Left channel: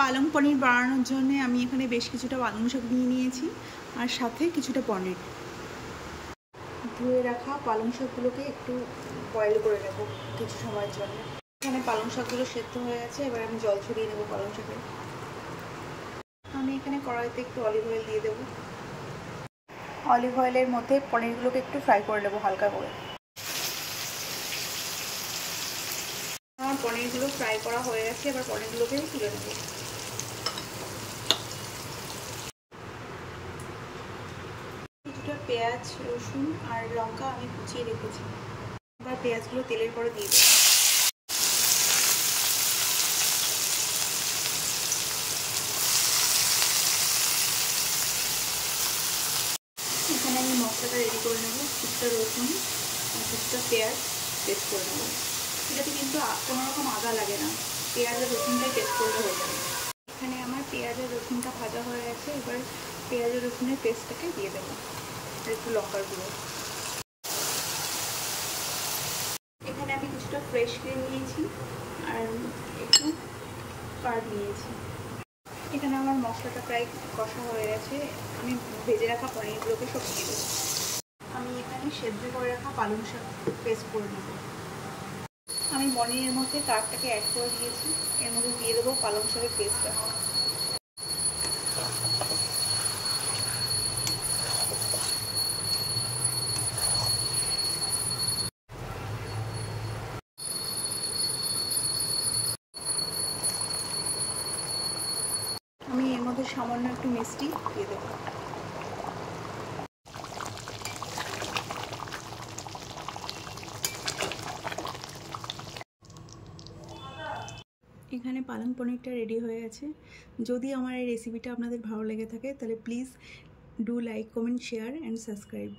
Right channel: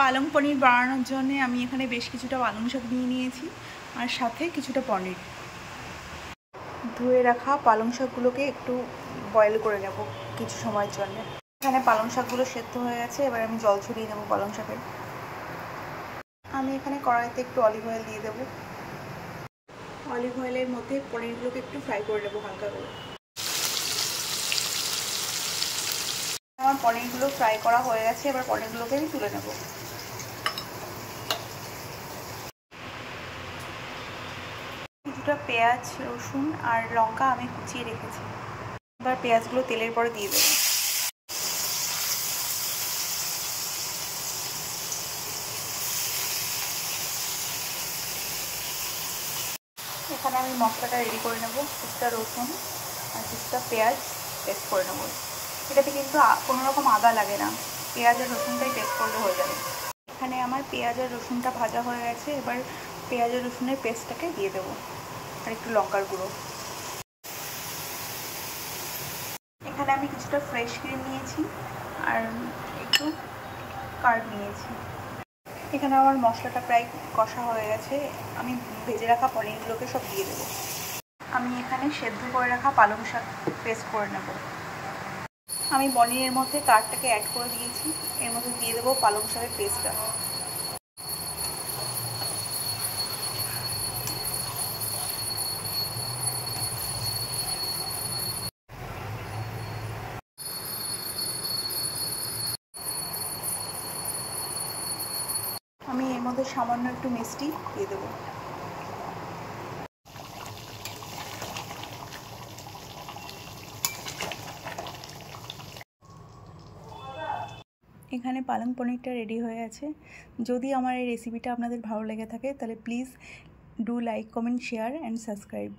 পালং পনির বানানোর জন্য আমি এখানে বেশ কিছুটা পালং শাক নিয়ে নিয়েছি আর সাথে কিছুটা পনির। ধুয়ে রাখা পালং শাকগুলোকে একটু বয়েল করে নেব কিছু সময়ের জন্য। এখানে পালং শাকগুলো সেদ্ধ হয়ে গেছে, এবার আমি জল ছড়িয়ে নেব পালং শাকের। আমি এখানে কড়াইতে একটু অলিভ অয়েল দিয়ে দেব। অলিভ অয়েলের মধ্যে পনিরগুলোকে একটু ফ্রাই করে নেব হালকা করে। আমার পনিরগুলো ফ্রাই করা হয়ে গেছে, এবার পনিরগুলোকে আমি তুলে নেব। কিছুটা পেঁয়াজ, রসুন আর লঙ্কা আমি কুচিয়ে রেখেছি। এবার পেঁয়াজগুলো তেলের পরে দিয়ে দেব। এখানে আমি মশলাটা রেডি করে নেব। কিছুটা রসুন আর কিছুটা পেঁয়াজ পেস্ট করে নেব। এটাতে কিন্তু কোনো রকম আদা লাগে না, পেঁয়াজ আর রসুনটাই পেস্ট করলে হয়ে যাবে। এখানে আমার পেঁয়াজ আর রসুনটা ভাজা হয়ে গেছে, এবার পেঁয়াজ আর রসুনের পেস্টটাকে দিয়ে দেবো আর একটু লঙ্কার গুঁড়ো। এখানে আমি কিছুটা ফ্রেশ ক্রিম নিয়েছি আর একটু কার্ড নিয়েছি। এখানে আমার মশলাটা প্রায় কষা হয়ে গেছে, আমি ভেজে রাখা পনিরগুলোকে সব দিয়ে দেবো। আমি এখানে সেদ্ধ করে রাখা পালং শাক পেস্ট করে নেব। আমি পনিরের মধ্যে কার্ডটাকে অ্যাড করে দিয়েছি, এর মধ্যে দিয়ে দেবো পালং শাকের পেস্টটা। আমি এর মধ্যে সামান্য একটু মিষ্টি দিয়ে দেবো। এখানে পালং পনিরটা রেডি হয়ে আছে। যদি আমার এই রেসিপিটা আপনাদের ভালো লেগে থাকে তাহলে please do like, comment, share and subscribe.